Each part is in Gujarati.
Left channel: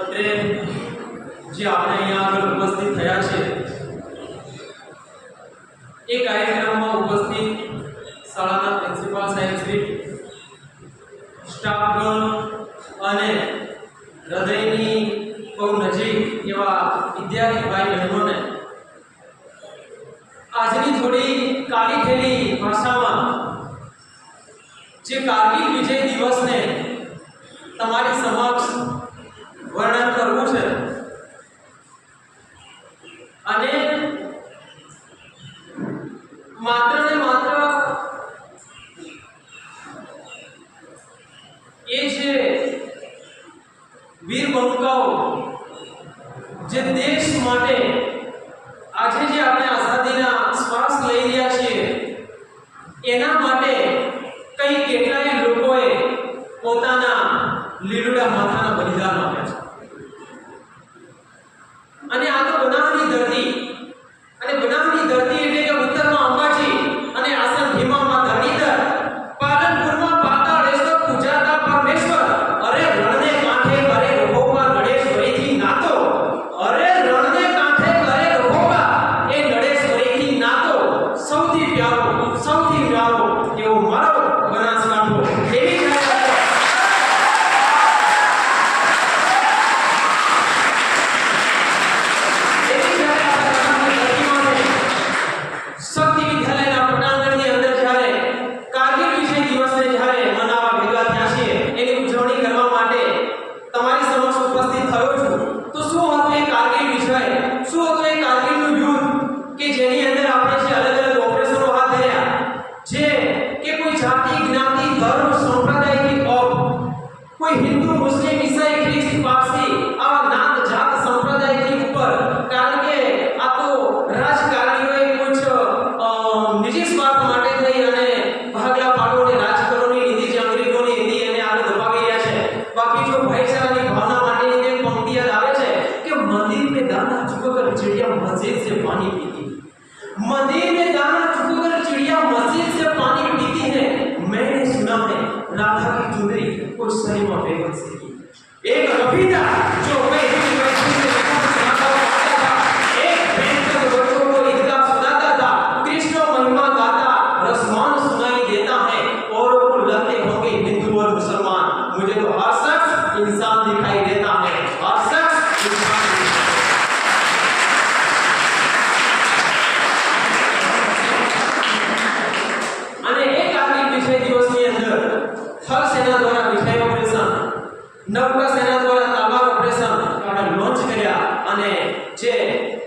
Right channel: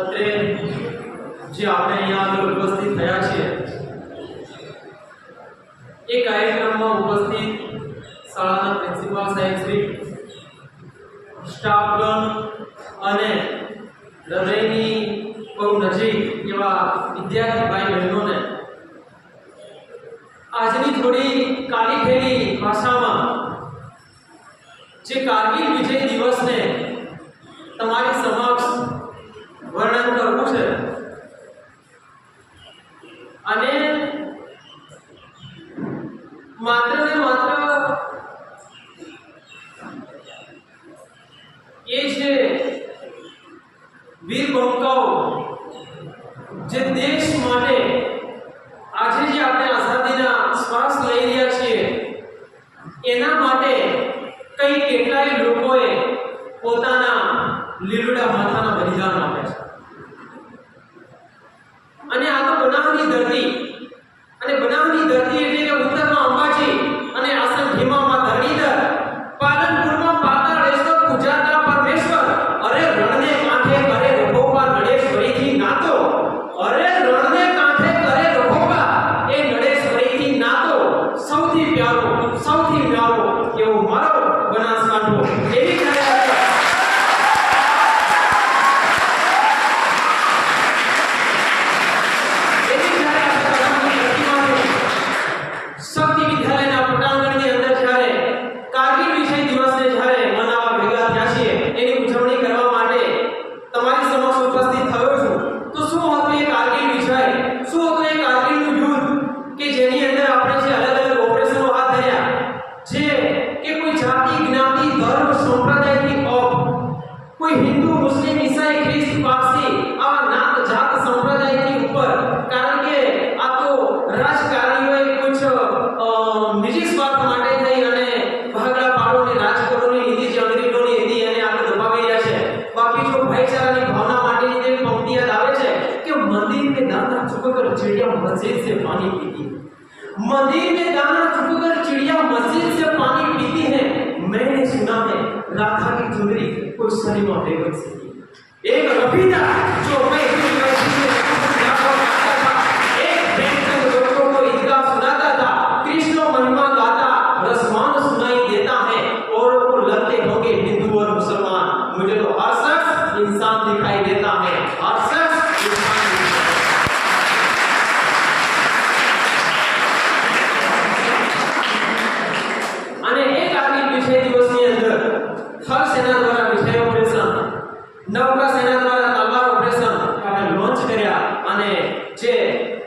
અત્રે જે આપણે અહીંયા આગળ ઉપસ્થિત થયા છીએ એ કાર્યક્રમમાં ઉપસ્થિત શાળાના પ્રિન્સિપાલ સાહેબ શ્રી, સ્ટાફગણ અને હૃદયની બહુ નજીક એવા વિદ્યાર્થી ભાઈ બહેનોને આજની થોડી કાલી ખેલી ભાષામાં જે કારગિલ વિજય દિવસને તમારી સમક્ષ વર્ણન કરવું છે અને માત્ર ને માત્ર એ છે વીર બંકાઓ જે દેશ માટે આજે જે આપણે આઝાદીના શ્વાસ લઈ રહ્યા છીએ એના માટે કઈ કેટલાય લોકોએ પોતાના લીલુડા માથાના બલિદાન આપ્યા છે અને આ તો બનાવની ધરતી, અને બનાવની ધરતી એટલે કે ઉત્તરમાં અંબાજી અને આસન હિમામાં ધરણીધર, પાલનપુરમાં પાતાળેશ્વર પૂજાતા પરમેશ્વર, અરે રણને કાંઠે કરે રઘોબા નડેશ્વરીથી નાતો, અરે રણને કાંઠે કરે રઘોબા એ નડેશ્વરીથી નાતો, સૌથી પ્યારો એવો મારો બનાસકાંઠો. એવી हिंदू, मुस्लिम, ईसाई, ख्रिस्त, पारसी आवा नात जात संप्रदाय की ऊपर, कारण के आ तो राजकारणीओए कुछ निजी स्वार्थ માટે થઈ અને ભાગલા પાડોને રાજકારણની લીધી જે અંગ્રેજોની લીધી એને આગળ દબાવી રહ્યા છે. બાકી જો ભાઈચારાની ભાવના માટેની એક પંક્તિ યાદ આવે છે કે મંદિર में दाना चुककर चिड़िया मस्जिद से पानी पीती, मंदिर में दाना चुककर चिड़िया मस्जिद से पानी पीती है. मैंने सुना है राधा की चुंदरी कोई सलीमा बेगम से की. एक रफी था जो मैं यूनिवर्सिटी में सुनाता था, एक प्रेमचंद बच्चों को ईदगाह सुनाता था, कृष्ण महिमा गाता रसमान सुनाई देता है, और को लगते होंगे हिंदू और मुसलमान, मुझे तो हर शख्स इंसान दिखाई देता है, हर शख्स इंसान. અને એક આગલી વિષય દિવસની અંદર થલ સેના દ્વારા વિષય ઓપરેશન, નૌકા સેના દ્વારા તાલવાર ઓપરેશન લોન્ચ કર્યા અને જે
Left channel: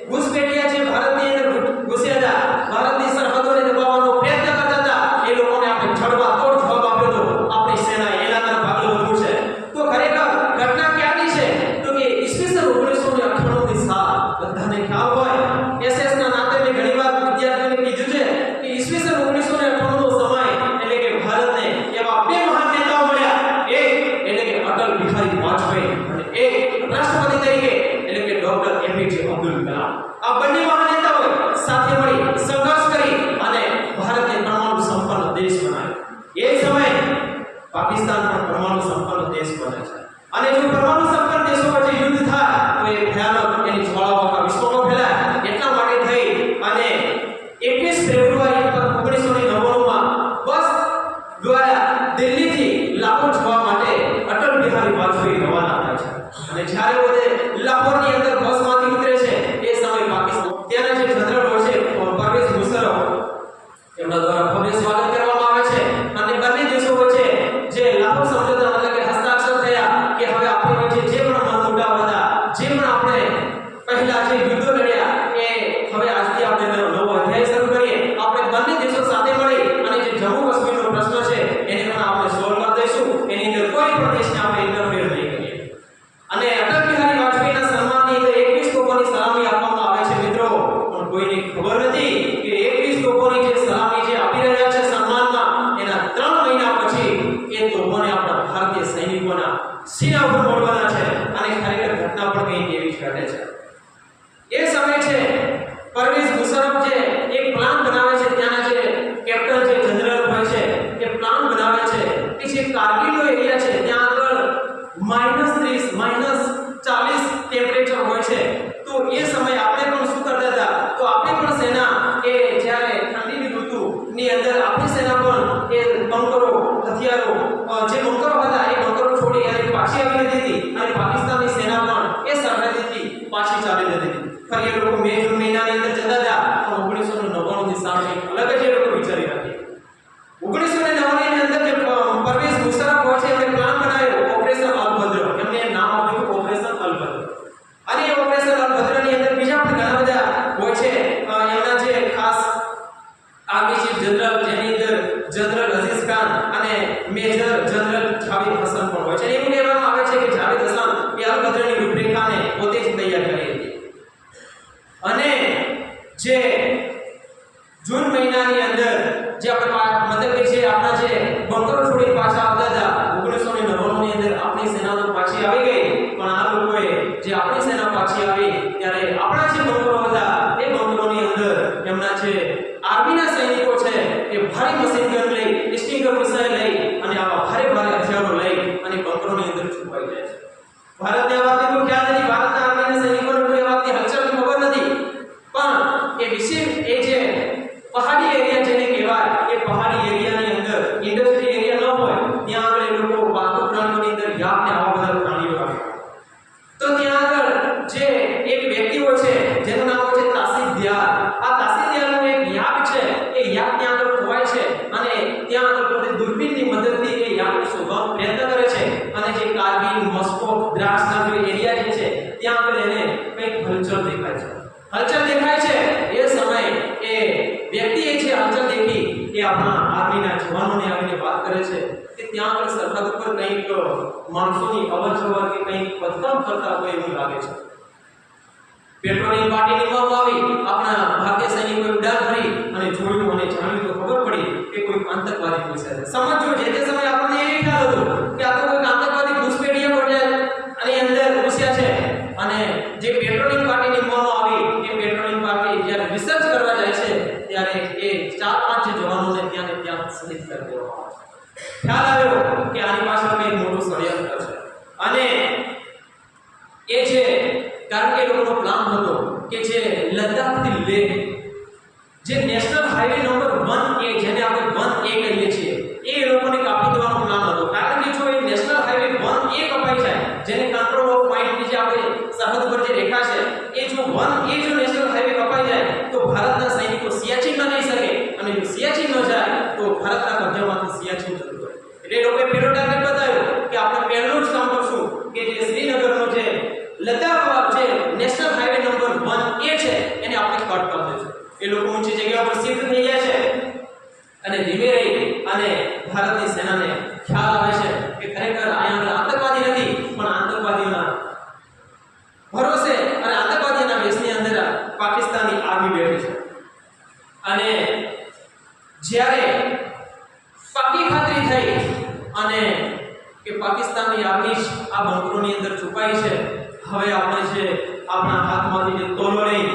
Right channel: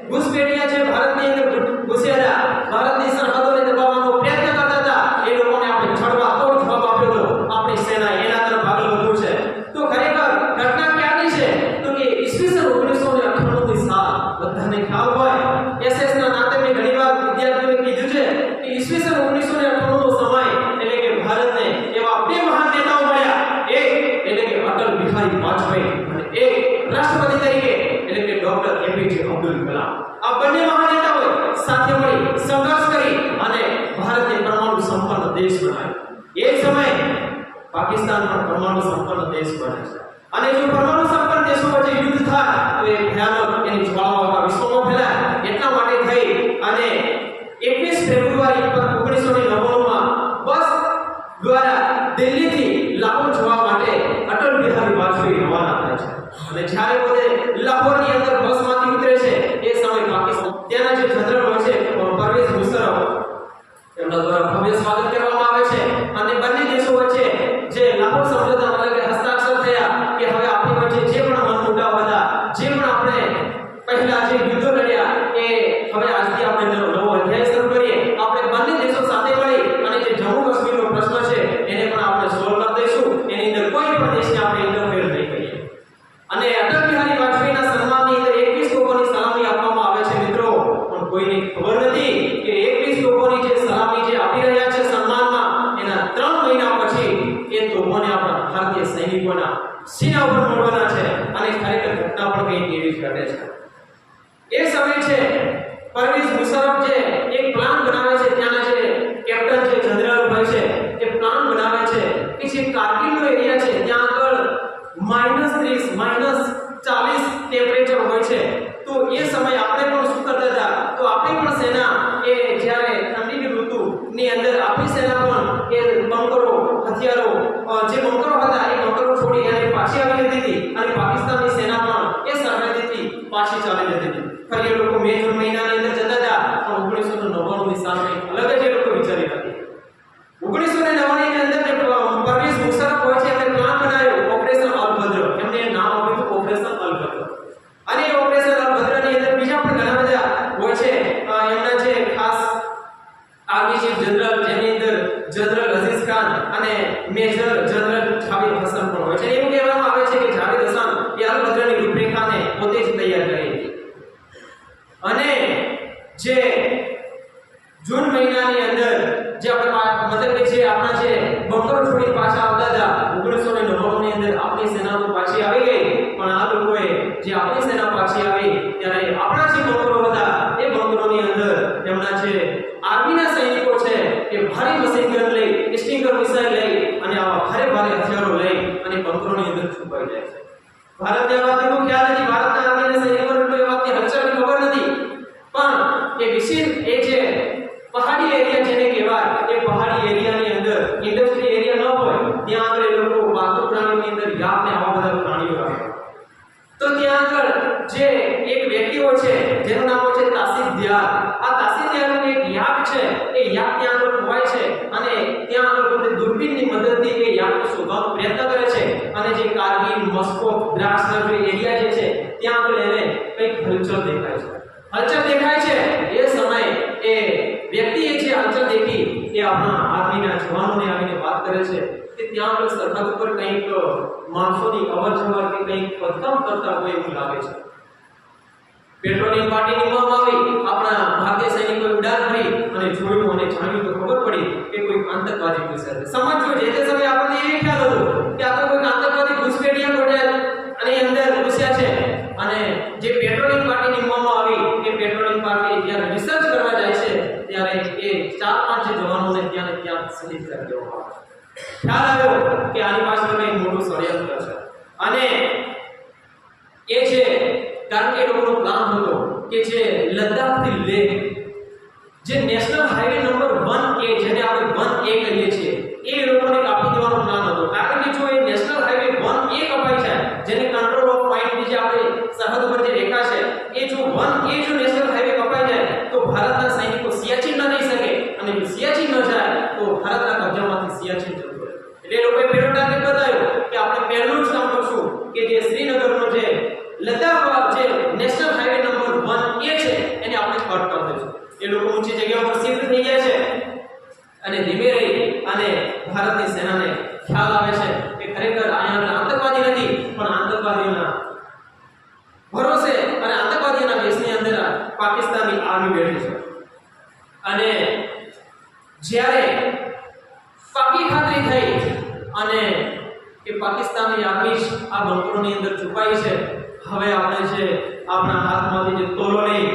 ઘુસપેઠિયા જે ભારતની અંદર ઘુસ્યા હતા, ભારતની સરહદોને દબાવવાનો પ્રયત્ન કરતા હતા, એ લોકોને આપણે છડવા તોડ જવાબ આપ્યો હતો આપણી સેનાએ. એના તરફ આગળ વધવું છે તો ખરેખર ઘટના ક્યાંની છે તો કે ઈસવીસન 1998 ની સાલ બધાને ખ્યાલ હોય. એસએસ ના નાતે મેં ઘણીવાર વિદ્યાર્થીઓને કીધું છે કે ઈસવીસન 1998 નો સમય એટલે કે ભારતને એવા બે મહાન નેતાઓ મળ્યા, એક એટલે કે અટલ બિહારી વાજપેયી અને એક રાષ્ટ્રપતિ તરીકે એટલે કે ડોક્ટર એપીજે અબ્દુલ કલામ. આ બંને મહાન નેતાઓએ સાથે મળી સંઘર્ષ કરી અને ભારતને પરમાણુ સંપન્ન દેશ બનાવ્યો. એ સમયે પાકિસ્તાન પણ પરમાણુ સંપન્ન દેશ બને છે અને જો પરમાણુ સંપન્ન દેશો વચ્ચે યુદ્ધ થાય તો એ ભયાનક એની જ્વાળાઓ આખા વિશ્વમાં ફેલાય. એટલા માટે થઈ અને 21 ફેબ્રુઆરી 1999 માં બસ દ્વારા દિલ્હીથી લાહોર જવા માટે અટલ બિહારી વાજપેયી રવાના થાય છે. અને જ્યારે પોતે લાહોરની અંદર બસમાંથી ઉતરે છે એ સમય પાકિસ્તાન ત્યાંના જે જનરલ હોય છે પરવેઝ મુશર્રફ એમના દ્વારા ભવ્ય સ્વાગત કરવામાં આવે છે અને બંને દેશો વચ્ચે જે લાહોર સમજૂતા એટલે કે હસ્તાક્ષર થયા કે હવે આપણી વચ્ચે જે પણ મનમુટાવ હતા, જે પણ આપણે પહેલા જે યુદ્ધો લડ્યા એ હવે આજથી આપણે નવો અધ્યાય શરૂ કરીએ. આપણે બંને દેશો સાથે મળી અને જે જમ્મુ કાશ્મીરનો પ્રશ્ન છે એને પણ આપણે સોલ્વ કરી દઈશું. એની અંદર કોઈ પણ દેશને આપણે ઇન્ટરફેર નહીં કરીએ. અને અટલ બિહારી વાજપેયીના સન્માનની અંદર 21 તોપોની સલામી આપવામાં આવે છે મિત્રો, પણ કોઈને ખબર નથી કે 21 તોપોની જે સલામી જે આપી રહ્યા છે સન્માનમાં, એના 3 મહિના પછી એ તોપોને આપણા ભારતીય સૈનિકોના સીના ઉપર મોડવાના છે. અને ખરેખર ઘટના પણ કંઈક એવી જ ઘટે છે. એ સમય છે પરવેઝ મુશર્રફ જે એક પ્લાન બનાવે છે, ત્યાંના જે કેપ્ટન જે જનરલ હોય છે એ પ્લાન બનાવે છે કે જે કારગિલનો એરિયા છે ત્યાં આગળ -30 40 ટેમ્પરેચર હોય છે, તો એ સમયે આપણે પણ શું કરતા હતા, તો આપણી પણ સેના એ જ્યારે ઠંડીની ઋતુની અંદર આપણી સેના પણ એ બંકરો હથિયારો જે બંકરો હતા એ બંકરો છોડી અને પાછી આવી જતી હતી અને પાકિસ્તાનની સેના પણ એ સરહદેથી પાછી ચાલી જતી હતી. ફરી એ લોકો મે જૂન મહિનાની અંદર જતા હતા, પણ 1999 ની સાલ કંઈક અલગ જ એ લોકો વિચારી હતી. 1999 ની અંદર જે પરવેઝ મુશર્રફ હોય છે એમણે પ્લાન બનાવ્યો ઓપરેશન અલભદ્ર, એમને નામ આપ્યું ઓપરેશન અલભદ્ર. અને એ ઓપરેશન અલભદ્રની અંદર બીજા પણ ઘણા બધા હોય છે, એમના જે ખાસ આર્મી ચીફ જનરલ જેની અંદર જનરલ અઝીઝ ખાન અને મેજર જનરલ જાવેદ હસન પણ હોય છે. એવું કહેવામાં આવે છે કે જાવેદ હસન એ અલભદ્રની રૂપરેખાને પોતે જ તૈયાર કરી હતી. અને જે જૂન મહિનાની અંદર જે આપણે મતલબ કે જે આપણા જે બંકરો છોડી પાછા આવતા હતા 1999 ની અંદર આપણી સેના તો પાછી આવી ગઈ, પણ આ લોકોએ જે આપણી સેના પાછી આવી ત્યારે આપણા જે બંકરો હતા એ બંકરોની અંદર એમના જે આર્મીના સૈનિકો છે એ ભારે મશીન ગન લઈ, સ્ટિંગર મિસાઇલ લઈ અને આવા ભારે હથિયારો લઈ અને બંકરોની અંદર છુપાઈ જાય છે. ભારતને આ વાતનો કોઈ ખ્યાલ નથી, ભારતના આર્મીના સૈનિકોને કોઈ આ વાતની હલચલની ખબર નથી, પણ એ વિશેષ એ જે પહાડી એરિયા જેને કહેવાય એ પહાડી એરિયાની અંદર ઇન્ડસ્ટ્રી એરિયા ન હોય ત્યાં આગળ એ લોકો પાલતુ પ્રાણીઓની અંદર યાક ને આવા બધા પ્રાણીઓ રાખ્યા. તો ત્યાં આગળ જે એક વ્યક્તિ હોય છે જેનું નામ હોય છે તાસીફ દિયાર. આ તાસીફ દિયારનો એક યાક છે, એ યાક ત્યાં આગળ ખોવાય છે અને ત્યાં આગળ પોતે દૂરબીનની મદદથી એ યાકને શોધવાનો પ્રયત્ન કરે છે અને જે કારગિલ, મોસ્કો, દ્રાસના જે એરિયા જે છે ત્યાં આગળ એને કંઈક હલચલ દેખાય છે. હલચલ દેખાય છે એ સમયે એ વ્યક્તિએ જે હલચલ દેખી એ આપણા આર્મીના જવાનોને આવીને વાત કરે છે કે ત્યાં આગળ સરહદ ઉપર કંઈક માણસોની અવરજવર કે કંઈક ખોદકામ કરતા હોય એવું લાગે છે. પેટ્રોલિંગ પાર્ટી નિમવામાં આવી, આપણા ભારતીય સૈનિકોએ ઉડાન ભરી અને જોયું અને જાણ્યું તો ખબર પડી કે કોઈ આતંકવાદી ઘૂસ્યા છે. સમજો જે તે સમયે આપણને એ ખ્યાલ હતો કે આ તો કોઈ આતંકવાદી ઘૂસપેઠિયા હોટેલ અને અંદર ઘૂસ્યા છે. અને જે પેટ્રોલિંગ પાર્ટી નિમવામાં આવી એ પેટ્રોલિંગ પાર્ટી જ્યારે રિસર્ચ કરવા જાય છે ત્યારે એ 4-5 જે જવાનોને ત્યાં ને ત્યાં શહીદ કરી દેવામાં આવે. ખ્યાલ આવ્યો કે આની પાછળ કંઈક મોટું ષડયંત્ર છે. અને એ છે કારણ કે એ લોકોનો પ્લાન હતો કે જે લદ્દાખથી લેહ જે નેશનલ હાઈવે નંબર 1A જેને આપણે 1A કહીએ છીએ એ લોકોને કાપી દેવાનો પ્લાન હતો. કારણ કે જો એ નેશનલ હાઈવે 1A કપાઈ જાય જેને કંટ્રોલ ઓફ પોઈન્ટ જે આપણે સરહદ પર જે રેખા છે એ જો 1A જો નેશનલ હાઈવે કપાઈ જાય તો ભારતના સૈનિકો સિયાચીન ન જઈ શકે અને જો સિયાચીન ન જાય તો ભારતના કબજામાંથી સિયાચીન જતું રહે. એટલે એ લોકોએ પહેલો ટાર્ગેટ બતાવ્યો કે આપણે પહેલું જ કામ કરશું કે જે શ્રીનગરનો જે લદ્દાખ જે નેશનલ હાઈવે નંબર 1A છે એને આપણે કટ કરી દઈશું. એ લોકો ઊંચી જગ્યા પર શિફ્ટ થઈ જાય છે અને ધીમે રહી અને ભારતની સેનાને ખ્યાલ આવે છે કે ખરેખર અહીંયા આતંકવાદી નથી પણ આતંકવાદીઓના ભરોસે અને આતંકવાદીઓના વેશની અંદર પાકિસ્તાનની આર્મી બેઠી છે. અને જ્યારે પાકી ખાતરી થઈ અને કે પાકિસ્તાનની આર્મી આ બંકરોની અંદર છુપાઈ છે, હવે આપણે જે આપણા હાથમાંથી જે તોલો લઈ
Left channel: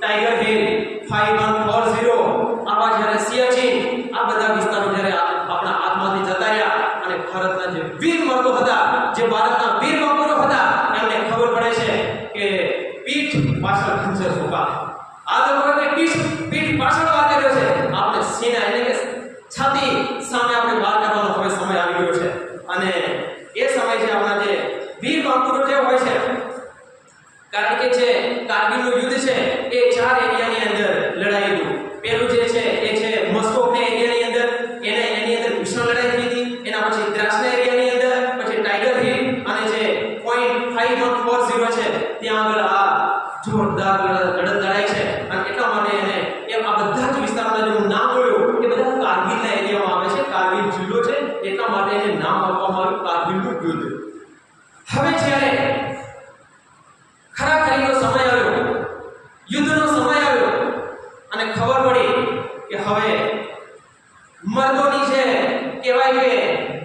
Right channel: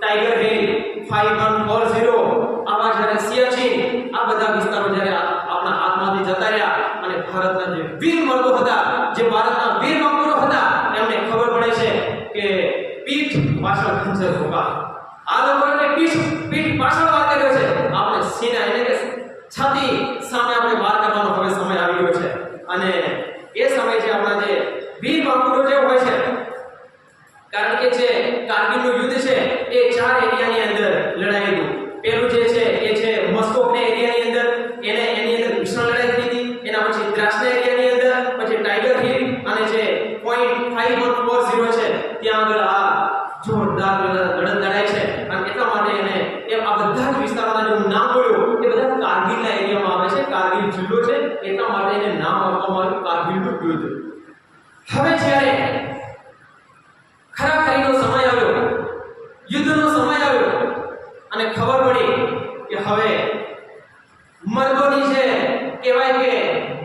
ટાઈગર હિલ 5140 આવા જ્યારે સિયાચીન આ બધા વિસ્તારો જ્યારે આપણા હાથમાંથી જતા રહ્યા અને ભારતના જે વીર મર્દો હતા, જે ભારતના વીર બંકરો હતા, એમને ખબર પડે છે કે પીઠ પાછળ ખંજર ઝોકા. આ લોકોને પીઠ પાછળ વાર કર્યો છે, આપણે સીના એટલે કે છાતી સામે આપણે વાર કરવાનો હવે સમય આવી ગયો છે. અને એ સમય છે આપણા જે વીર બંકરો જે હોય છે, કારણ કે જે કારગિલનું યુદ્ધ છે એ 4 એરિયાની અંદર લડાઈ હતું. પહેલું જે છે એ છે મસ્કોકના એરિયાની અંદર, એની અંદર ભીષણ લડાઈ થઈ હતી. એના પછી દ્રાસના એરિયાની અંદર, પછી ટાઈગર હિલ અને જે પોઈન્ટ 5140 છે ત્યાં આગળ આ જોરદાર લડત લડાઈ છે. અને એટલા માટે એને આ બધા જ વિસ્તારોના જે હું નામ બોલ્યો એ બધા કારગિલના એરિયામાં આવે છે. કારગિલ જિલ્લો છે એટલા માટે એને નામ આપવામાં આવ્યું કારગિલનું યુદ્ધ. હવે જ્યારે ખરાખરીનો સમય આવ્યો, યુદ્ધનો સમય આવ્યો અને ખબર પડી કે હવે મર્દોની છે કહેવાય કે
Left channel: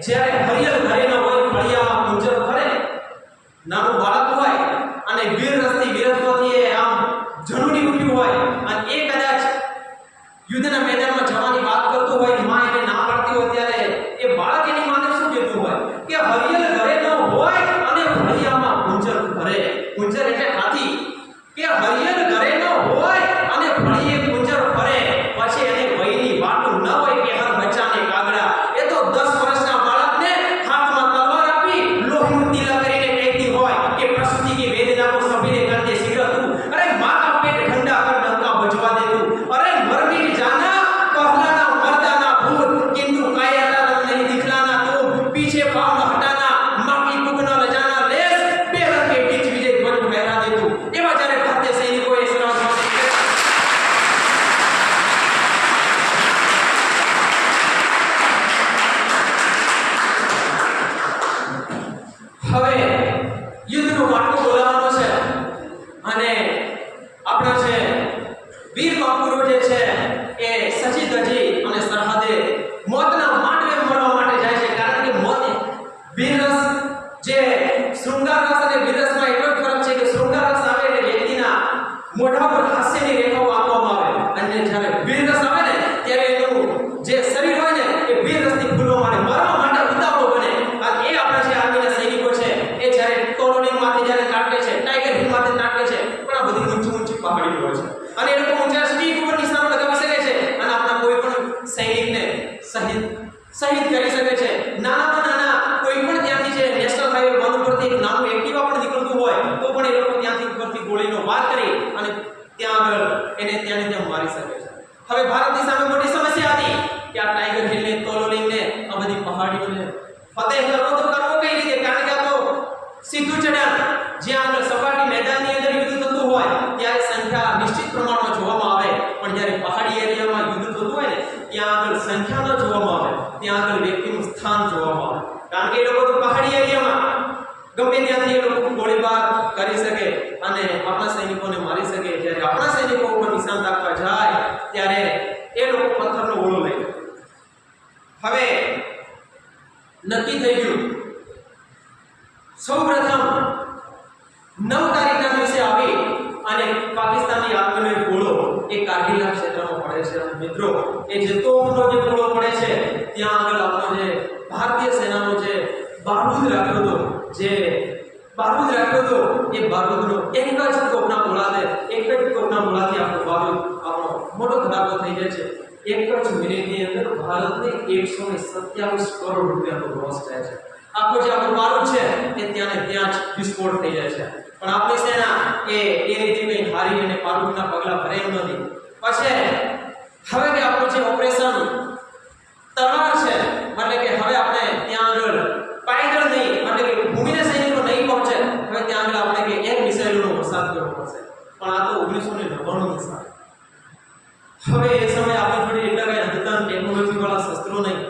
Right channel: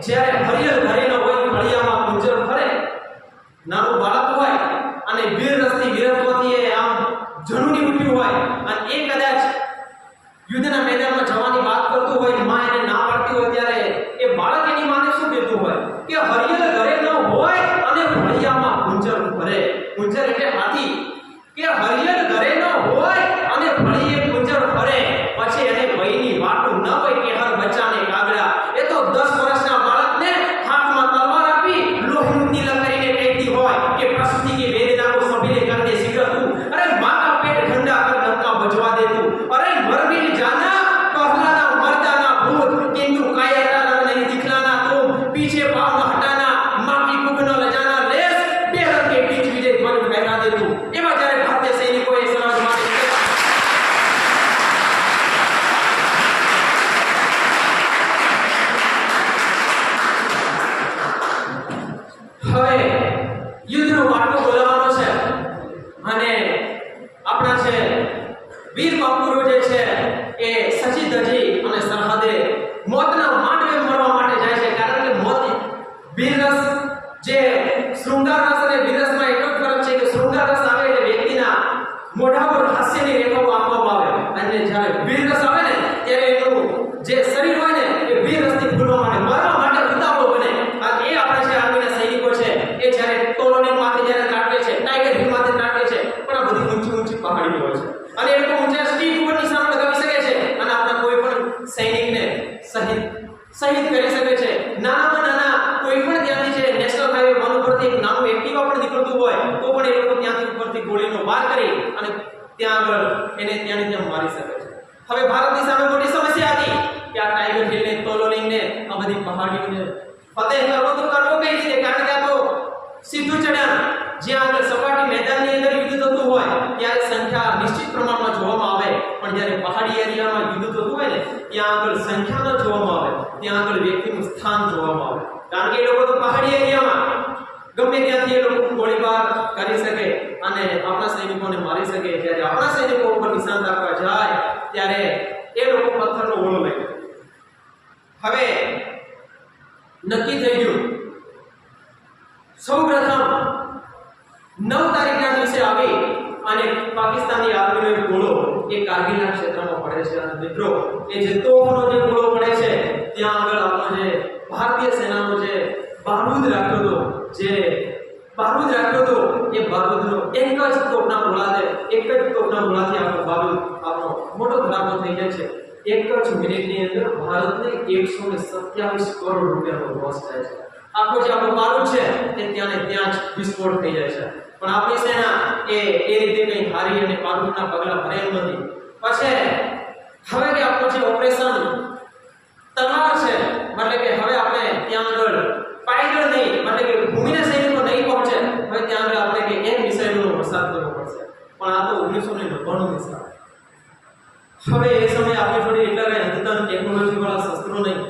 જ્યારે હરિયલ ઘરે ન હોય ફળિયામાં ગુંજર ફરે, નાનું બાળક હોય અને વીર રસથી વીરત્વથી એ આમ જનુની ઉઠ્યું હોય અને એ કદાચ યુદ્ધના મેદાનમાં જવાની વાત કરતું હોય, માં એને ના પાડતી હોય, ત્યારે એ બાળક એની માને શું કહેતું હોય કે હરિયલ ઘરે ન હોય અને ફળિયામાં ગુંજર ફરે. પડે હતું એવા જ્યારે ભારતીય સૈનિકોએ સરહદ માટે હવે યુદ્ધનો માટલો બોલાવવાનો છે અને આપણા છે વીર બાપુરો જે છે એ સજી ધજી અને સરહદે મોતના માંડવે મળવા માટે જાય છે, કારણ કે મોત વીરરસ જે શૃંગાર રસ અને વીરરસમાં એટલો જ ફરક છે કે શૃંગાર રસ આવે એટલે વ્યક્તિના મોઢા પર હાસ્યની રેખાઓ આંકવામાં આવે અને જ્યારે વીરરસ આવે ને ત્યારે એનું જે શરીર હોય ને એ વીરરસથી ફૂલવા માટે મરવા માટે ઉતાવળો બને. અને એ આપણા જે આર્મીના સૈનિકો છે એ જ્યારે ટોલોનિંગ માથે જ્યારે ત્રાટકે છે, ટાઈગર હિલ માથે ત્રાટકે છે, પણ આ બધી ઊંચી પહાડીઓ હોય છે અને એ લોકો ઊંચા સ્ટીક ઉપર નિશાન લગાવી શકે છે અને આપણા કોઈ પણ સૈનિકને શહીદ કરી શકે છે. નાનામાં નાના કોઈ પણ ત્યાંથી છે નેશનલ હાઈવે 1 ઉપરથી એક નાનું એક્ટિવા પણ નીકળતું હોય તો પણ એ લોકો ત્યાંથી ઉપરથી ગોળીનો વાર કરી અને ત્યાં આગળ એને ત્યાંને ત્યાં મારી શકે છે. હવે ભારતની સામે મોટી સમસ્યા હતી કે આ ટાઈગર હિલને, તોલોલિંગને, આ બધી પહાડીઓને ફતેહ કરવો તો કરવો કઈ રીતે, કારણ કે આ તો સીધું ચઢાણ જ્યાં આગળ સપાટી મેદાનની અંદર યુદ્ધ થતું હોય ત્યારે સંખ્યા નિશ્ચિત પ્રમાણમાં જોવામાં આવે, પણ જ્યારે પહાડી એરિયામાં યુદ્ધ થતું હોય ને ત્યાં આગળ સંખ્યા ન જોવામાં આવે, ત્યાં આગળ વ્યક્તિનું સ્થાન જોવામાં આવે, કારણ કે એ લોકો તો પહાડી એરિયામાં ગમે ત્યાંથી એ લોકો ગોળીબાર કરી શકે અને આપણા સૈનિકોને મારી શકે. જ્યારે આપણા સૈનિકો ઉપર નિશાન તાકવા જાય ત્યારે એ લોકો પથ્થરનો ગોળો લઈ લે. હવે નક્કી થઈ ગયું, સૌપ્રથમ 9 તારીખના દિવસે આવી અને પાકિસ્તાની આર્મીનો એક ગોળો એ કારગિલના ક્ષેત્રમાં પડે છે અને મિત્રો એ જે તોપનો જે ગોળો પડે છે ત્યાં આગળ આપણો જે ભારતીય સેનાનો જે બારૂદ રાખ્યો હતો એ બારૂદનો એક જ તોપના ગોળાથી આપણો બારૂદ આપણો મોટો ધડાકો થઈ જાય છે. એક જ મિનિટની અંદર ભારતને 127 કરોડ રૂપિયાનો લોસ થાય છે. આખો જે આપણો બારૂદ છે એ ત્યાં ને ત્યાં જ વિસ્ફોટ થઈ જાય છે, પણ આપણી સેના એ રીતે કંઈ હારી અને બારૂદના પગલા ભરે એમ નથી. પછી હવે કે આપણું જે ઓપરેશન તલવાર છે, એટલે કે હવે આપણે ત્યાં આગળ પાયદળ નહીં, એટલે કે ભૂમિના સૈનિકો નહીં પહોંચે, હવે ત્યાં આગળ આપણે કે એક મિસાઇલોનો વરસાદ કરવો પડશે, પણ આ તો 1999 સાલ. હવે એ સમયે આપણી જોડે એટલા કઈ અદ્યતન ટેકનોલોજી વાળા શસ્ત્રો નહીં,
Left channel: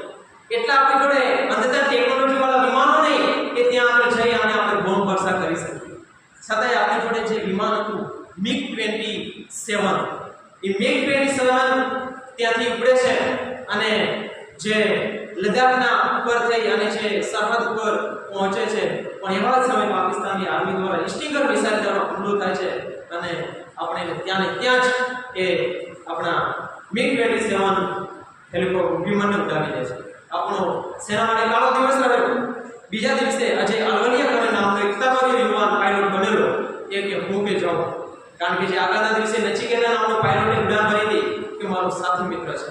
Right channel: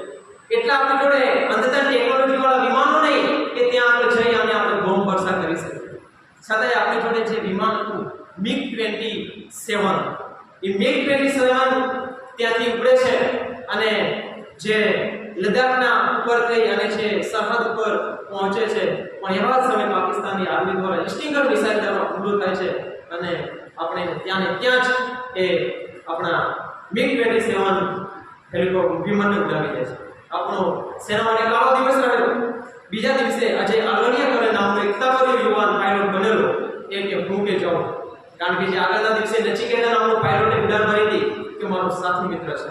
એટલા આપણી જોડે અદ્યતન ટેકનોલોજી વાળા વિમાનો નહીં કે ત્યાં આગળ જઈ અને આપણે બોમ્બ વર્ષા કરી શકીએ. છતાંય આપણી જોડે જે વિમાન હતું MiG-27, એ MiG-27 ત્યાંથી ઉપડે છે અને જે લદ્દાખના ઉપર થઈ અને જે સરહદ ઉપર પહોંચે છે, પણ એવા જ સમયે પાકિસ્તાની આર્મી દ્વારા સ્ટિંગર મિસાઇલ દ્વારા હુમલો થાય છે અને આપણે ત્યાં ને ત્યાં જ એ આપણા MiG-27 હેલિકોપ્ટર વિમાનને ઉડાવી દે છે. આપણો સેના માટે કાળો દિવસ રહ્યો. બીજા દિવસે અજય અલવલિયા કરે નામનો એક તકરીર યુવાન પાયલોટ બનેલો એ કે હું કે જાઉં, કારણ કે જે આગળના દિવસે નચિકેતા નામનો પાયલોટે ઉડાન ભરી હતી કે મારો સાથી મિત્ર છે,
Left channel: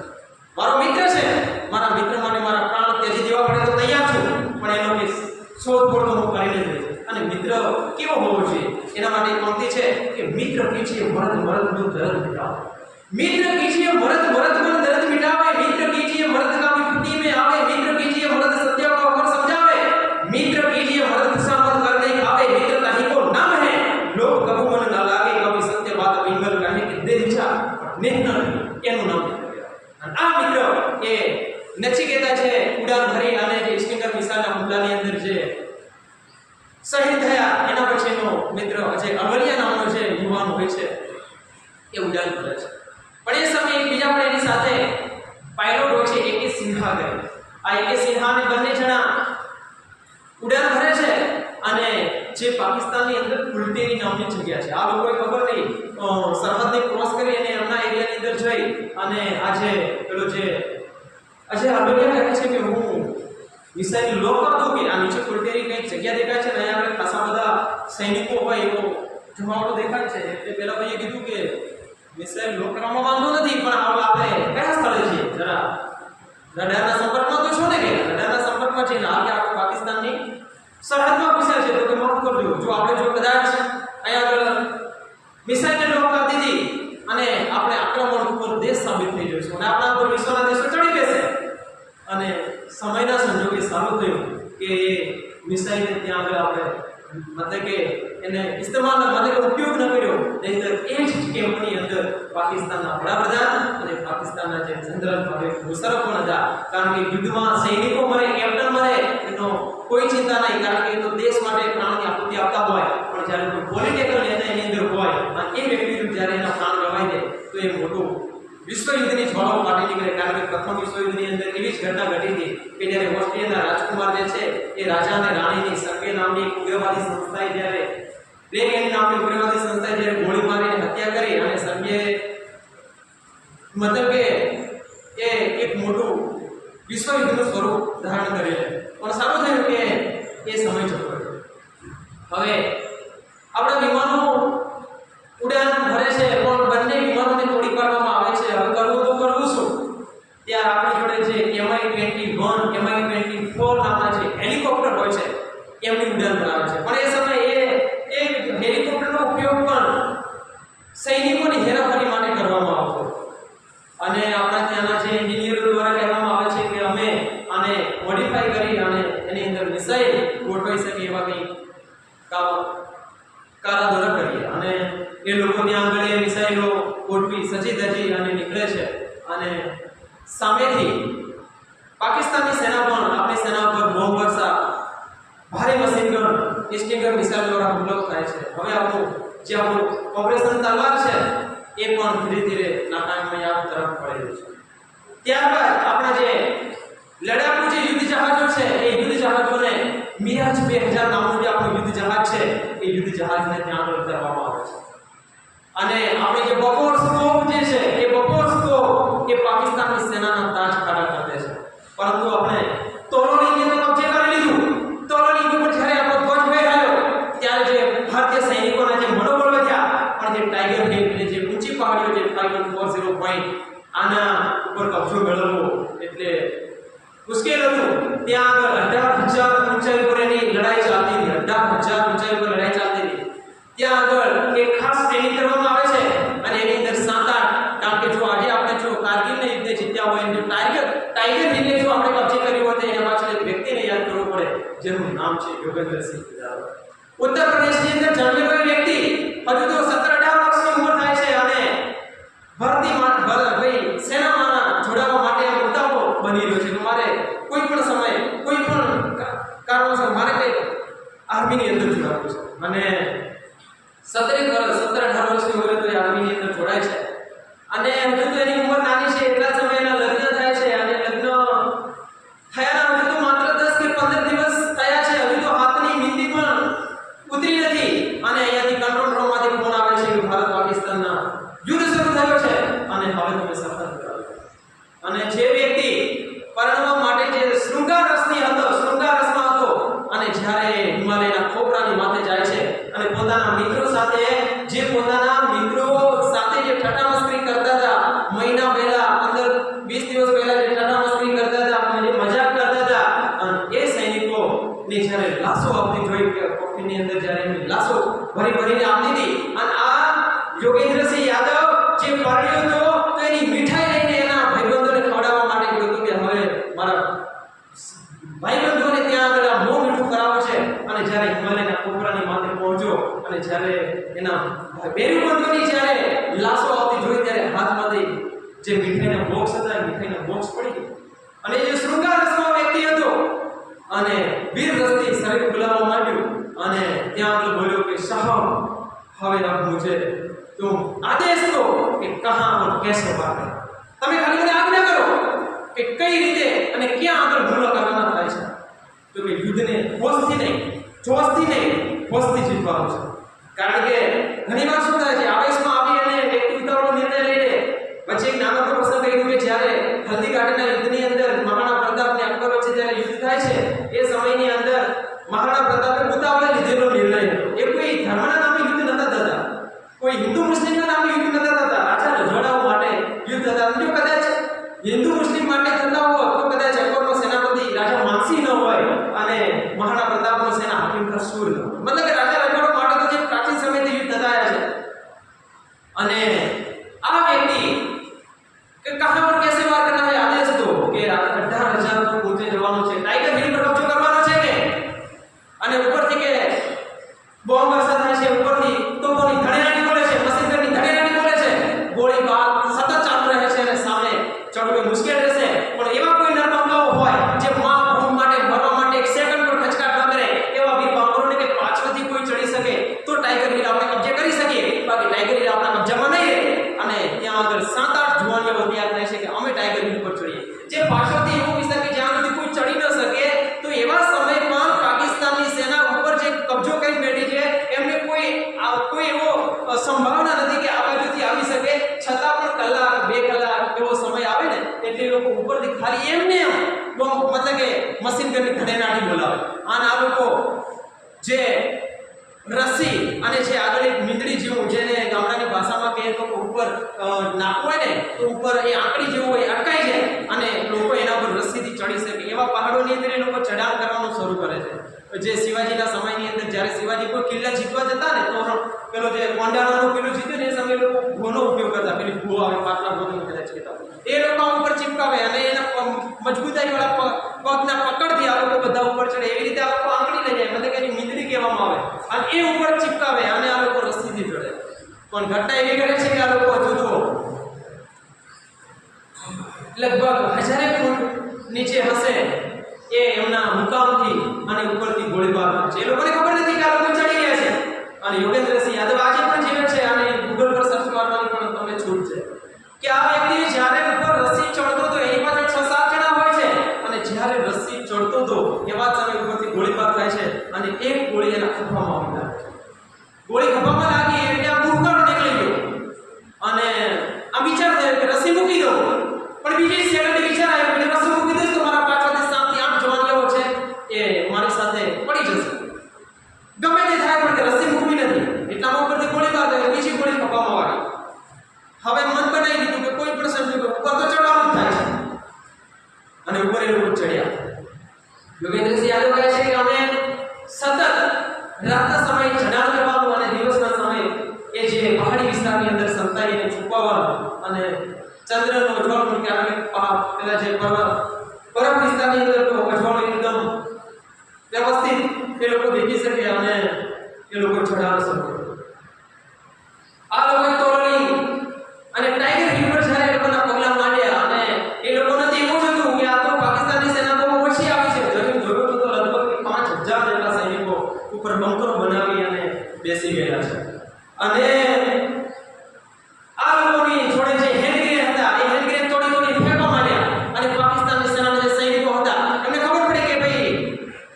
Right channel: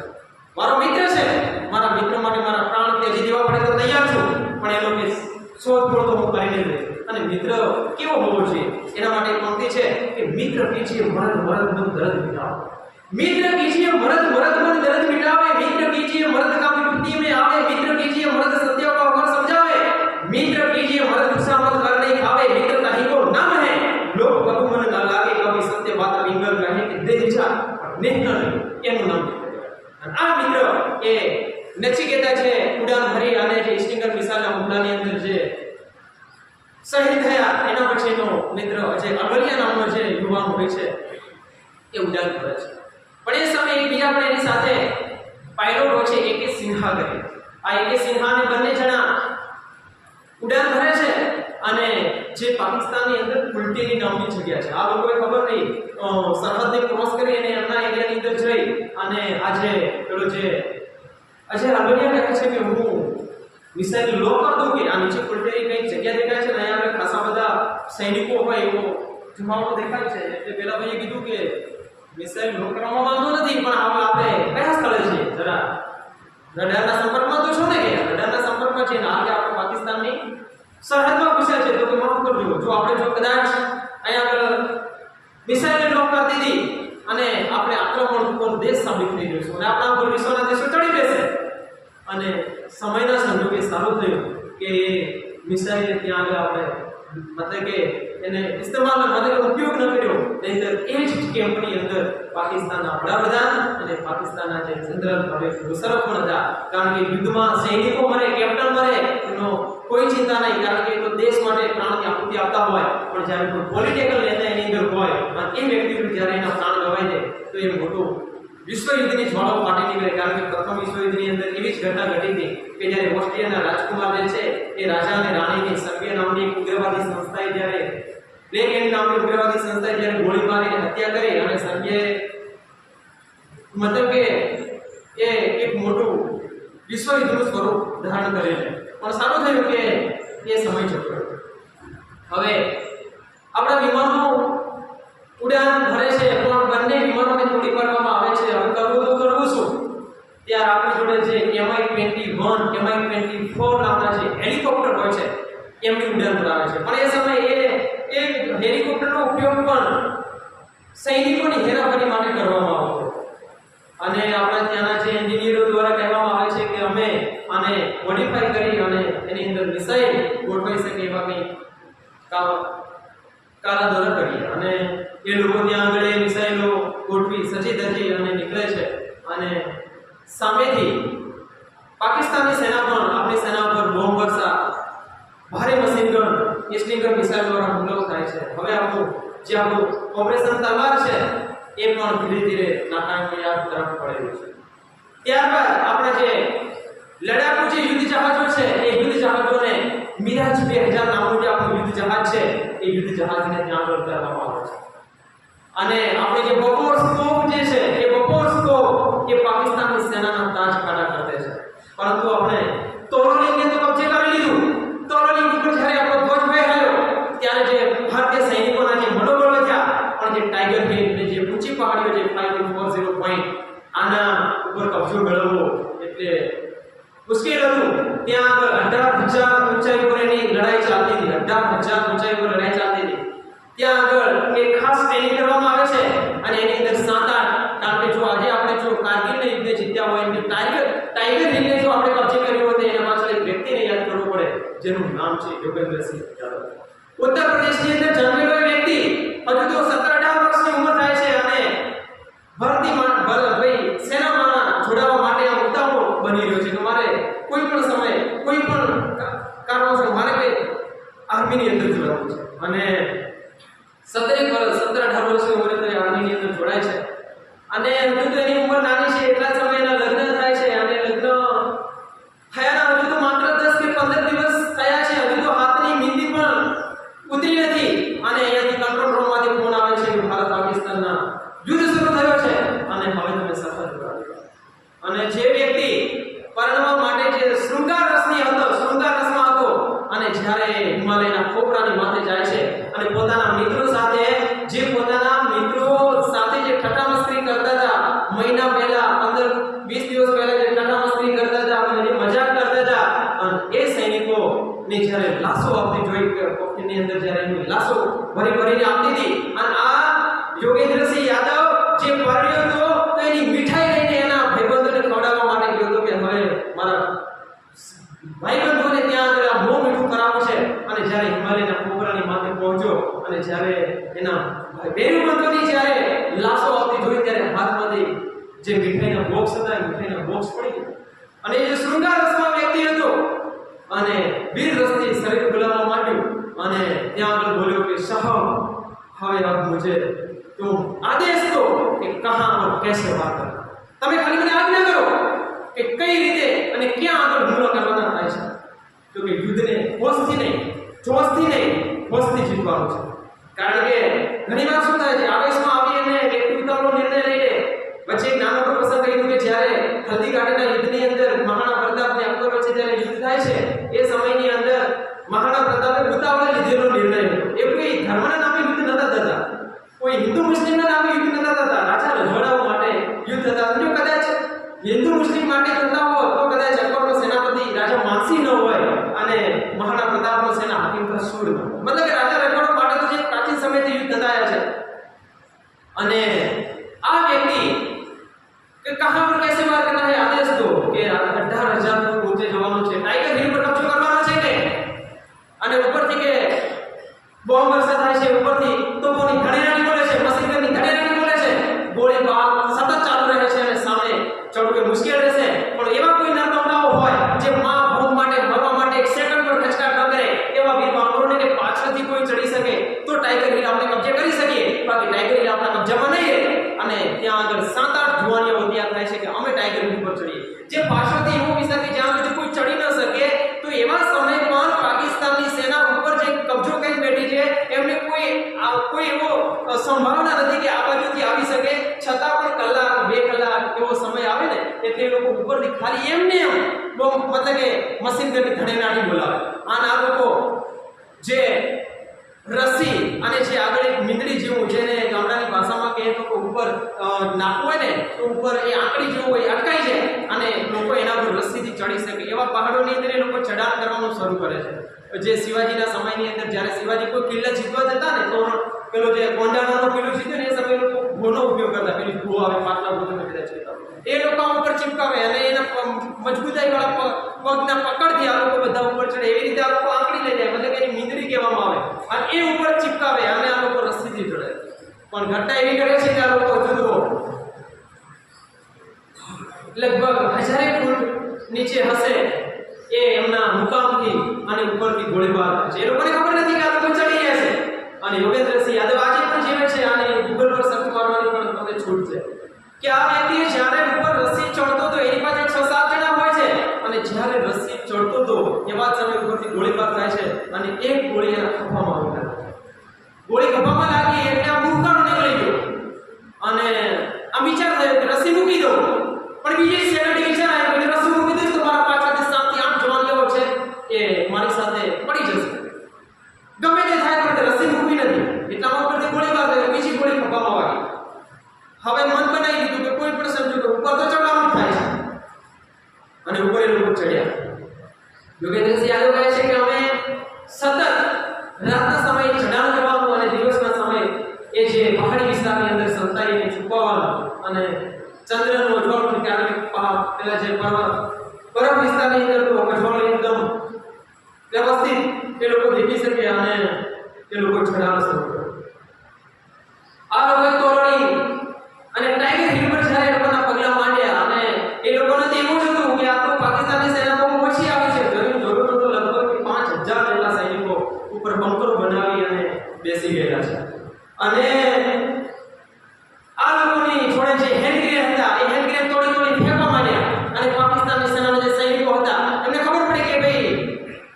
મારો મિત્ર છે, મારા મિત્ર માટે મારા પ્રાણ ત્યજી દેવા પડે તો તૈયાર છું, પણ એનો કે શોધખોળ તો હું કરીને જ રહીશ. અને મિત્ર કેવો હોવો જોઈએ એના માટે એક પંક્તિ છે કે મિત્ર કીજીએ મરદ મરદ મન દર્દ મિટાવે, मित्र कीजिए मर्द मर्द मन दर्द मिटावे, मित्र कीजिए मर्द का विपत्ति में आवे, मित्र कीजिए मर्द सत्य को अगर समझावे, मित्र कीजिए मर्द गुस्सा मत कर नहीं खावे, मित्रता ही को नाम है लोग कभी मन न लागे, कभी सत्य बात पिंगल कहे कि दे इच्छा नेह न नहीं એનું નામ મિત્ર કહેવાય. આ મિત્ર એ નચિકેતા છે ઉડાન ભરી અને જે સ્ટિંગર મિસાઇલના હુમલાની અંદર જે શહીદ થયા એના પછીનો મિત્ર અજય અલવલિયા નામનો જે યુવાન હોય છે એ ઉડાન ભરે છે. પણ એ સમયે એકબીજા પણ એની સાથે પાયલોટ હોય છે એકે સિન્હા કરી. આ એકે સિન્હા અને બંને જણા ઉડાન ભરે છે અને જે પાકિસ્તાનની અંદર કુલટેરી નામની જગ્યા છે, આ લોકોએ ખબર નહીં સરહદને ક્રોસ કરી અને એમના એરિયાની અંદર જઈ અને આજે પેલો જે અજય અલવલિયા કહે છે કે હું મિસાઇલ લો કર દઉં કે આ નીચે કુલટેરી કંઈક જગ્યા દેખાય છે ને અહીંયા આપણે ખાસા બધા સૈનિકો હોય એવો જમાવડો દેખાય છે, એટલે પેલા ભાઈએ કીધું કે મિસાઇલ લો કરવામાં વાંધો નથી, પણ હવે આપણે કયા સ્થળે છીએ, જરા રડારના સંપર્કમાં તો છો ને કે રડારના સંપર્કમાં છે ને હાલ કે આપણે પાકિસ્તાનની સરહદમાં પૂછ્યા છે તો કે માફ કરજો, જો આપણે જો કદાચ અહીંયા આગળ મિસાઇલ લોક કરી દીધી અને આપણે આક્રમણ ઉપર દેશ સાબિત થઈ જઈશું અને આપણા ઉપર વિશ્વના દેશો ચડી બેસે. અને સમયના સંજોગે સારું થયું કે મિસાઇલ ત્યાં આગળ આપણે मतलब કે એને ઇસ્તેમાલ मतलब કે ઉપયોગ ન કર્યો, નહીંતર એ જ કેમ્પની અંદર પાકિસ્તાનના વડાપ્રધાન અને પાકિસ્તાનના જે જનરલ પરવેઝ મુશર્રફ પણ હતા. કારણ કે યુદ્ધમાં સૈનિકો મરે, કેપ્ટન મરે, એનો કોઈ ચિંતા નહીં, કારણ કે એ તો દેશ માટે પ્રાણની આહુતિ આપતા હોય. પણ જ્યારે કોઈ પોલિટિકલ નેતા એની અંદર હોય અને એ વ્યક્તિ જ્યારે એના પ્રાણ ગવાય છે તો એ મોટું વિશ્વયુદ્ધની જ્વાળાઓ ફાટી નીકળે. કારણ કે પ્રથમ વિશ્વયુદ્ધની અંદર એવી જ ઘટના ઘટી હતી કે જ્યારે ઓસ્ટ્રિયાના રાજકુમાર જે છે એ રાજા અને રાણીની સર્બિયા નામની એક ઉગ્રવાદી સંસ્થાએ જ્યારે બ્લેક એન્ડ નામની ઉગ્રવાદી સંસ્થાએ જ્યારે ગોળી મારીને હત્યા કરી અને સર્બિયાએ મતલબ કે એ એક મોટું વિશ્વયુદ્ધનું સ્વરૂપ ધારણ કરે છે. પણ સારું થયું કે એ સમય જતો રહ્યો. હવે આપણા વિમાનો ઉડાન ભરે છે પણ બંને વિમાનોને તોડી પાડવામાં આવે છે. હવે કરવું શું? ત્યાં આપણી જોડે જે MI-21 MI-24 નામના જે હેલિકોપ્ટર હોય છે એમની ઉડાન ભરાવે છે. પણ એ સમયે એ હેલિકોપ્ટરનો ઉપયોગ પણ સૈનિકોની હેરાફેરી માટે કરવામાં આવતો અને આપણા ત્યાંના જે એન્જિનિયરો દ્વારા કહેવામાં આવે છે કે અમે આને મોડિફાઈ કરી અને એની અંદર મિસાઇલ ગોઠવાઈ શકે એવા કંઈ કારા દ્વારા કરીએ અને એ લોકો ત્યાં આગળ એ મિસાઇલો ગોઠવી સજી ધજી અને નીકળે છે અને સામેથી પાકિસ્તાનની સેના પણ આપણી સેના પર બોમ્બ વર્ષા, ભારે મશીન ગન, સ્ટિંગર મિસાઇલ દ્વારા હુમલો થાય છે. હવે આપણું ઓપરેશન તલવાર છે એ પણ ધીરે ધીરે નાકામયાબ તરફ પડી રહ્યું છે. ત્યારબાદ આપણે જે લડાકુ જે યુદ્ધ જહાજો છે એ યુદ્ધ જહાજોને મિરાજ 2000 નામનું જે આપણું યુદ્ધ જહાજ છે એ યુદ્ધ જહાજને ત્યાં આગળ ઉતારવામાં આવે છે અને આપણે જે બપોર સ્કોપ જે છે એ બપોર સ્કોપ એ પાકિસ્તાનની સેનાના તાજ ખાડા કરી દે છે. પરંતુ આપણે તોલોલિંગે તો કબજે કરી લીધું. તોલોલિંગ ઉપર જ્યારે આપણો ધ્વજ ફહેરાયો ત્યારે જે ભારતીય સૈનિકોના જે મનોબળ વધ્યા, પણ જે ટાઈગર હિલ એટલે જે ઊંચી પહાડીઓ જે 5140 પોઈન્ટ આના ઉપર કબજો મેળવવો એટલે મુશ્કેલ હતું. ત્યાં આગળ 18,000 ઊંચાઈ પર એની લડાઈ ચાલતી હતી. 18,000 ઊંચાઈ પર લડાઈ ચાલતી હતી. ત્યાં આગળ એક ખાસ ટ્રેનિંગ કરવામાં આવે છે અને એની અંદર 7-8, કારણ કે જો આજે આપણે જો કારગિલને યુદ્ધ જીત્યા હોય અને ટાઈગર હિલને જો આપણે કબજે કર્યો હોય તો એના પાછળ એક વ્યક્તિને યાદ કરવો પડે જેનું નામ છે યોગેન્દ્રસિંહ યાદવ. ઉત્તર પ્રદેશની અંદર જન્મેલો એ વ્યક્તિ હજુ તો 17-18 વર્ષની ઉંમર થાય છે અને ભાઈ સેનામાં જોડાવા માટે આ ઉતાવળો બની રહ્યો છે કે મારે કોઈ પણ સમય કોઈ પણ કારણોસર મારે કઈ આર્મીની અંદર જોડાવવું છે અને 17-18 વર્ષની ઉંમરે તો આર્મીની અંદર જોડાય છે અને હજુ તો એની ઉંમર નાની છે. એટલા સમય એના લગ્ન થાય છે અને લગ્ન થયાના હજુ તો માત્ર 10 કે 15 દિવસ થયા છે. હજુ તો હાથની મીંદી પણ ઉતરી નથી અને અહીંયાથી કંટ્રોલ રૂમમાંથી ફોન આવે છે કે ભારત પાકિસ્તાનના યુદ્ધ શરૂ થયો છે અને હવે તમે સફર કરો. અને જે વ્યક્તિ પરણવા માટે જે શૃંગાર રસમાં હતો અને જ્યારે હિમાલયના ખોપરાની માથે જાય છે અને પોતાના મિત્રો સાથે જે ઠઠ્ઠા મસ્કરી કરતા હતા, મહિના પહેલા 15-20 દિવસ પહેલા જે ઠઠ્ઠા મસ્કરી કરતા હતા, જે મજાક કરતા હતા, અને એ સૈનિકોની જ્યારે લાશો આપતી જોઈ કે કોફીની અંદર જ્યારે એમની લાશો ભરીને આપતી હતી અને આ યોગેન્દ્રસિંહ યાદવ જે પરણ્યો હતો તો એની મીઠાઈ લઈને એના ભાઈબંધોને ખવડાવવા માટે ગયો હતો કે હવે મારા ભાઈબંધોને ત્યાં આગળ આ બહુ મીઠું કરાવવું છે. અને જ્યારે હિમાલયના ખોપરાની માથે પહોંચ્યો અને જ્યારે એના બેરુબંધોની જ્યારે લાશો આવતી જોઈ ત્યારે હાથમાંથી જે મીઠાઈના બોક્સ હતા એ મીઠાઈના બોક્સ પડી ગયા અને એ શૃંગાર રસમાં વ્યક્તિ હતો અને વીર રસથી શરીર ફૂલાવવા માંડ્યું અને ત્યાં આગળ બોલ્યો કે સાહબ હવે અબ મુझे तुम आदेश दो कि कहां और कैसे वार करना. તમે ખાલી મને આજ્ઞા કરો કે કઈ રીતે અને ક્યાં આગળ હુમલો કરવાના થાય છે. તો કે યુદ્ધને હોશથી નહીં, જોશથી નહીં, હોશથી જીતવાનું છે. કારણ કે ઘણીવાર શું થાય છે, આવેશમાં આવી અને વ્યક્તિ ઉતાવળો નિર્ણય લઈ લે. વચ્ચે એક નાનો પ્રસંગ કહ્યું કે જ્યારે હલ્દીઘાટીના યુદ્ધની અંદર મહારાણા પ્રતાપ અને અકબર વચ્ચે જ્યારે યુદ્ધ થાય છે એ સમયની અંદર મહારાણા પ્રતાપે ઉતાવળે લીધેલો નિર્ણય હતો. એ કોઈ ધર્મના નામે યુદ્ધ નતા થતા, કોઈ હિન્દુ મુસ્લિમના નામે યુદ્ધ નતા થતા, રાજા રજવાડાઓ માટે યુદ્ધ થતા. જો કદાચ હિન્દુ મુસ્લિમ માટે થતા હોય તો કદાચ અકબરનો સેનાપતિ રાજા માનસિંહ ન હોય અને મહારાણા પ્રતાપનો સેના હાકિમ સૂર ન હોય. મતલબ કે રાજા રજવાડો માટે તો જે પ્રાચીન સમયથી યુદ્ધ થતા આવ્યા છે. અને આ વ્યક્તિ કે કહાં પર कैसे वार करना है आदेश दो કે 18,000 નો ઊંચે જવાનો છે, ટાઈગર હિલ પર કબજો કરવાનો છે કે અને ઉપરથી કે તલવારની ધણેરાની બોલે છે, મશીન ગનની ધણેરાની બોલે છે, ગોળીબાર સતત ચાલુ રહે છે અને સામે ચડવું એ મુશ્કેલ રહેશે. પણ એવા કોઈ નરબંગાઓ હોય જે ભૂમ માટે મરવા માટે એક સેકન્ડ પણ ખચકાટ ન કરે, એવા વીર બાબરોને કે પાછળથી કોઈ ચડી શકે તો ટાઈગર હિલ આપણે કબજે કરી શકીએ, બાકી ટાઈગર હિલ આપણા કબજામાં નહીં રહે. અને ત્યાં આગળ 7-8 જુવાનીઓ તૈયાર થાય છે કે અમે ટાઈગર હિલ પર ચડીએ. જે પાછળથી એવું વિચાર કે જ્યાં સુધી કોઈ ચડી ન શકે, તો એવા સમય પણ પાકિસ્તાનની સેના ઉપર જે કબજો કરી બેઠી છે એમને કોઈ એવો સંભાવના નથી કે આ બાજુથી આવી શકે. છતાં પણ કલાક 2 કલાક એવો સમય આવે ને એટલે એ લોકો ઉપરથી ખાલી એમને એમ મતલબ કે મશીન ગનની ધણેરાની બોલાવે. અને આ લોકો જે રસ્સી અને જે આગળ એક મીંદડી જેવું, જેને ગામડાની ભાષામાં કહે તો ઉપર નાખવું હોય ને તો ઉપર એ આંકડી જેવું હોય, અટકાઈ જાય અને લોકો એના પર રસ્સીથી ચડી શકે એવા પહાડોની અંદર એ લોકો ચઢાણ કરવાનું શરૂ કરે છે. જે શિવાજીના સમયની અંદર જ્યારે શિવાજી કોઈ કિલ્લા જીતવા જતા ને તો પેલો જે ગોંડાણાનો કિલ્લો જીત્યો ને એ સમયે લોકો ઘોનો ઉપયોગ કરતા, પેલી ઘો આવે પાટલા ગોતને કદાચ કહેતા, એ લોકો ઉપર ચીપકાવે અને એના મજબૂતાઈ વાળા પગના પકડથી આ લોકો બધા ઉપર ચડે. એવી રીતે આ લોકો આંકડી લઈ જાય, મતલબ કે એની મીંદડી કહેવામાં આવે, અને એ ઉપર ચીપકાવે અને આ લોકો રસ્સીથી ચડે. પણ ઘટના એવી કરે છે કે આ લોકો હજુ તો લગભગ 1000 ફૂટ નીચે હશે એ એમના મુકામથી અને ઉપરથી ગોળીબાર કરે છે. એ લોકોને ખબર નથી કે આ લોકો ચડી ગયા છે. અને યોગેન્દ્રસિંહ યાદવ આજે પણ જીવે છે અને ગૂગલ પર સર્ચ મારવાની પણ તમને છૂટ છે કે આ વ્યક્તિ જ્યારે ઉપર રસ્સી ચડતો તો એની પાસે 6-7 જણા હોય છે, અને જ્યારે રસ્સી ચડતો તો એવા જ સમય ઉપરથી ગોળીબાર થાય છે અને એક ગોળી એના ખભામાં આવી લાગે. ગોળી ખભામાં લાગી એટલે આ મૂર્ખાનો નીકળી ગયો અને આ વિચાર થયો કે રસ્સી મૂકી દો. પણ બીજી સેકન્ડે વિચાર આવ્યો કે રસ્સી મૂકી દઈશ તો મારા પાછળથી 7-8 જવાનીઓ છે એ મારી સાથે પડી જશે. ગમે તે થાય પણ રસ્સી મૂકવી નથી. એટલામાં ઉપરથી ગોળીબાર થયો, બીજી ગોળી ખભામાં વાગી. હવે મન બનાવી દીધું કે કોઈ પણ સમજો કે ઉપર તો ચડવાનું જ થાય છે અને ઉપર એ લોકો ચડ્યા. યોગેન્દ્રસિંહ યાદવ કહે છે કે અમે સતત રાતના સમયે ચઢાણ કરવાનું અને દિવસના સમયે એ જે પહાડી વિસ્તારની અંદર સંતાઈને છુપાવવાનું અને ચંદ્રનો અજવાળું પણ ક્યારેક પેલા જે બરફ વિસ્તારની અંદર તો અજવાળું એકદમ વ્યવસ્થિત એ લોકો દેખી શકે અને એ લોકો ચઢાણ શરૂ કર્યું. આ લોકોએ તોરણી અને ટાઈગર હિલ પર જ્યારે એ લોકોના પગલા માંડ્યા અને એ લોકોને તો એવું જ હતું કે આ તો પાકિસ્તાનની સેના બહુ ઓછી આવી છે. જોયું તો લગભગ 5000 જેટલા સૈનિકો ઉપર બંકરો બનાવી અને બેસી ગયેલા છે. અને આ લોકોની જોડે જે હેન્ડ ગ્રેનેડ હતા એ હેન્ડ ગ્રેનેડ તોડી ફેંકવા માંડ્યા અને પાકિસ્તાનની સેનાના જે સૈનિકો હતા એમને ખબર પડી કે ભાઈ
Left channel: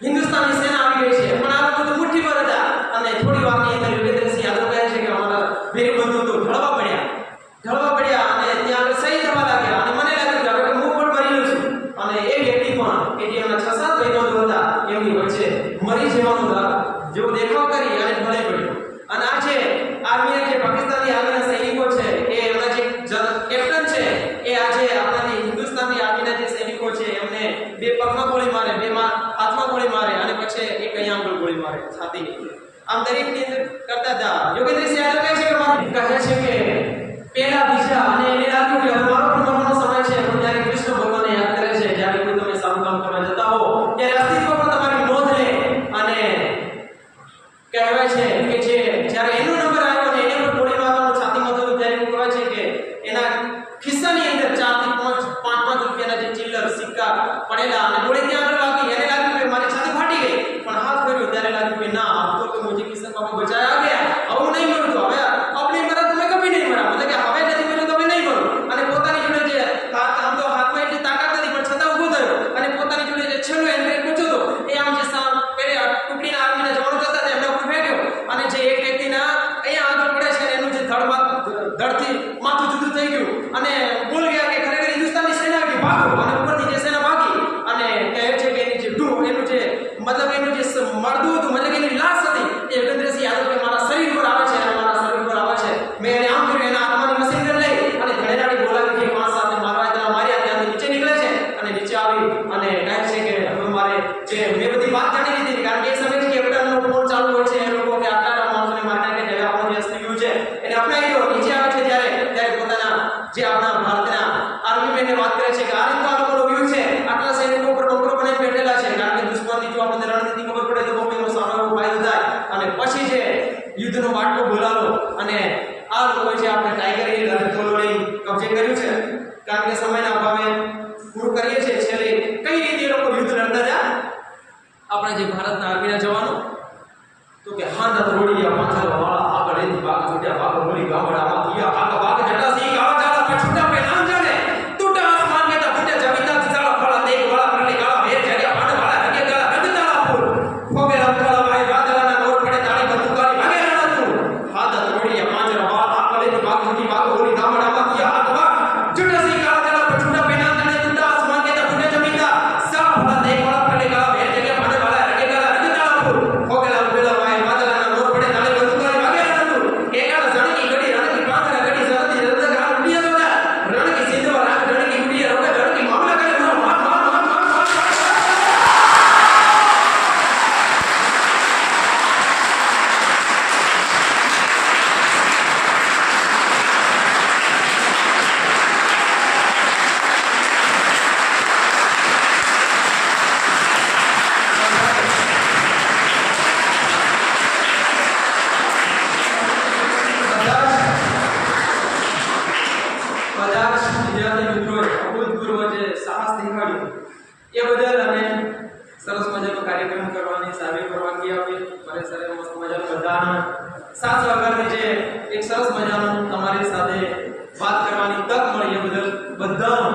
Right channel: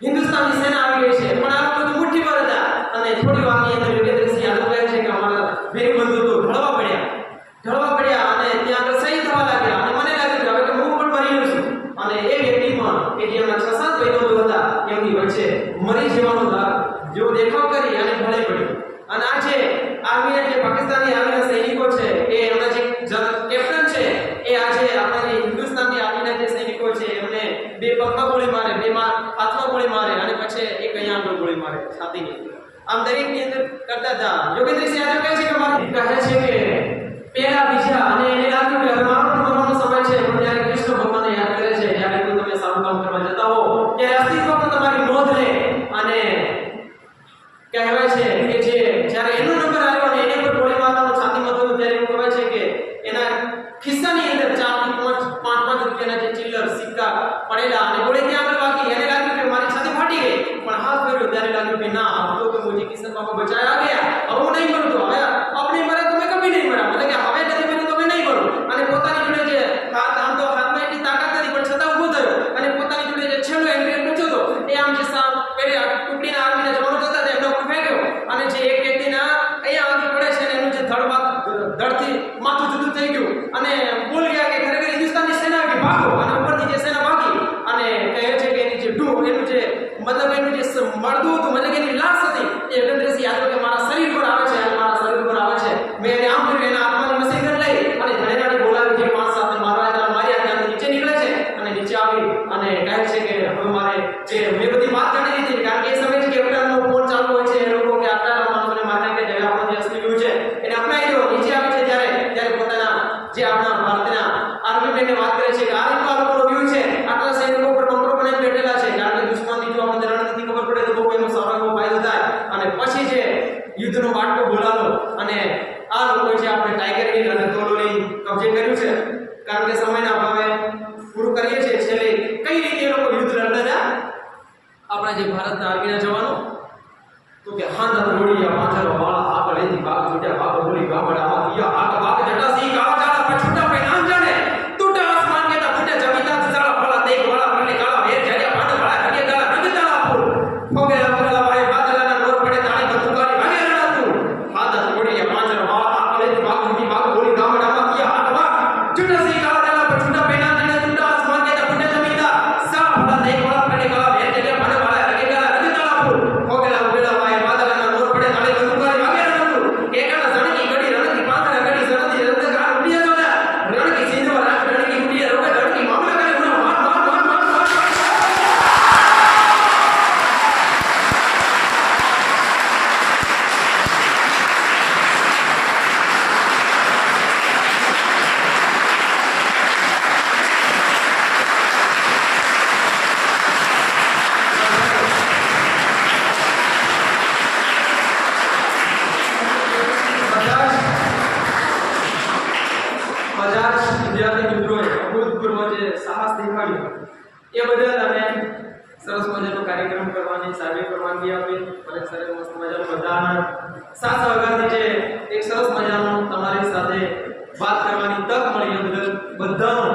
હિન્દુસ્તાનની સેના આવી ગઈ છે. પણ આ લોકો તો મુઠ્ઠીભર હતા અને થોડી વારની અંદર યોગેન્દ્રસિંહ યાદવ કહે છે કે અમારા ભેરી બંધુ તો ઢળવા પડ્યા અને ત્યાં આગળ શહીદ થવા લાગ્યા. અને મને લાગ્યું કે હવે તો હું પણ મરી લઉં છું. અને એ વ્યક્તિ પણ કે જે એમના 6-7 ભાઈબંધો હતા એમની વચ્ચે મરી જવાનું જેવો દેખાવ કરી અને ઢળી પડ્યો. અને આ જે આર્મીના જે પાકિસ્તાની આર્મીના સૈનિકો છે એ એમના જે કેપ્ટન છે એ આજે આપણા જે હિન્દુસ્તાનની આર્મીના જે સૈનિકો છે એમને 2 પગમાં ગોળી મારે, 2 હાથમાં ગોળી મારે અને પછી એક અહીંયા આગળ ગોળી મારે છાતીની. આમ દરેકની અંદર કરતા હતા. યોગેન્દ્રસિંહ યાદવ કહે છે કે મારે કહે છે કે પહેલા બીજા અને એને લાગ્યું કે હવે મારો પણ મરવાનો સમય છે. પણ ત્યારે કૃષ્ણ ભગવાનને યાદ કરે છે જ્યારે કોઈ તમે સારું કામ કરવા જતા હો ત્યારે અસ્તિત્વ પણ તમારી નોંધ લે. અને કહેવાય છે કે જે જ્યારે એનો નંબર આવ્યો અને એને પર ગોળી મારવાનું છાતીમાં થયું ત્યારે એવું કહેવાય છે કે એના ખિસ્સાની અંદર 4 થી 5 રૂપિયાના જે ચિલ્લર સિક્કા પડેલા અને ગોળી ત્યાં આગળ વાગી. એને લાગ્યું કે મારી છાતી ફાટી ગઈ. પણ હાથ ફેર્યો ત્યારે લાગ્યું કે ના, अब तो मुझे किशन बाबा बचाया गया, अब હું નહીં મરું. તો હવે આપણે મરા તો મેં કભી નહીં મરા, મતલબ કે હવે નથી મર્યો તો મેં નહીં મરું. અને પોતાની જોડે જે આમ તો હાથમાં એટલી તાકાત નથી પણ છતાં ઊભો થયો અને પોતાની જોડે જે છેલ્લો હેન્ડગ્રેનેડ પહોંચ્યો હતો એ આમ જે પેલે ટુકડીના આર્મીના જવાનો જતા હતા એમના ઉપર ફેંક્યો. અને જે એક વ્યક્તિના અહીંયા આગળ પડે છે એનું જે ધડથી માથું જુદું થઈ ગયું અને બોલ ગયા કે ખરેખર હિન્દુસ્તાનની સેના આવી, ભાગો. અને ઉપરથી જે સેના ભાગી અને કહે છે કે એની જે એનું જે મતલબ એનું જે મળદું હતું, મતલબ એની લાશ હતી એ યોગેન્દ્રસિંહ યાદવ કે મારા શરીર પર આવે છે અને મારા શરીર પર આવે છે. મેં એને આમ કર્યું, એના હાથમાંની મશીન ગન લઈ અને ધણેરાની બોલાવી જે 5-7 મારવા હતા માર્યા. ત્યાંથી નીચે નીકળે છે અને નીચે આવી અને કહે છે કે હવે મારે જે મેં બધી વાત જાણી લીધી કારણ કે એ સમય છે કેપ્ટનનો ફોન ચાલુ હોય છે એ લોકો કે આટલા માણસોને મારી નાખે છે, આપણો જે અસલી વ્યૂ છે એને અપનાવી દો. નીચે આવે છે ત્યારે પોતાના જે આપણા ભારતના આર્મી મેનને વાત કરે છે કે આ રીતનો આ લોકોનો વ્યૂ છે, આટલા સૈનિકો ઉપર બંકરો બનાવીને બેઠેલા છે. કારણ કે દુશ્મનની જો આપણને રણનીતિ ખબર પડે તો બહુ એનો સારો એવો ફાયદો થાય. અને પછી જે યુદ્ધનો બાટલો બોલાવો અને આ લોકો છે આપણે ટાઈગર હિલ અને તોલોલી કબજે કર્યું છે. કારણ કે સમયના અભાવે પૂરું કરીએ છીએ. છેલ્લે કઈ રીતે એ લોકો યુદ્ધ લડતા હતા આપણા જે ભારતના આર્મીના જવાનો? તો કે હાંડા રોડિયા પાંચરો વાળા આગળ એની ભાગ છૂટ્યા ભાગ બોલી ગામડામાં થયા આગ ભાગ જટાસી કાળા ચાલા પછુટા પે નામ જાણે ટૂટા આસમાન કે તા ફૂટે જમીતા ચાલા ફળા દેખ વાળા પરલે કાળા વેર જાગ્યા પાંડ વાળા રગે ગાળા રંગતાળા ફૂલ ફોગેલા ફૂલા ભાઈ વાદળાના નોર પડે તાળી બંદૂકારી ભાગે રણાતું હાંડા રોડિયા પાંચરો વાળા આગળ એની ભાગ છૂટી ભાગ બોલી ગામડામાં થયા આગ ભાગ જટાસી કાળા ચાલા પછુટા પે નામ જાણે ટૂટા આસમાન કે તા ફૂટે જમીતા ચાલા ફળા દેખ વાળા પરલે કાળા વેર જાગ્યા પાંડ વાળા રગે ગાળા રંગતાળા ફૂલ ફોગેલા ફૂલા ભાઈ વાદળાના નોર પડે તાળી બંદૂકારી ભાગે રણાતું કેકાળ જણકી ગડી રણકી પાંદરા ગડી સરદી રંગ ઘા ઉડિયા તોડા રણકી સિંધવા રાગ રણકી ઉડિયા રોગે રણકી મામલા કરે ઉના માર માર માર માર માર બધા જ વિદ્યાર્થી મિત્રોએ અભૂતપૂર્વ જે સાહસ દેખાડ્યું એ બદલ અને સરસ મજાનો કાર્યક્રમ કરવાની સાહેબે પરવાનગી આપી. મને સરે મસ્ત મજાનું બધાના સાથ સહકારથી જે એક સરસ મજાનું તમારી સાથે વાત કરવાની તક મળી એ બદલ બધાનો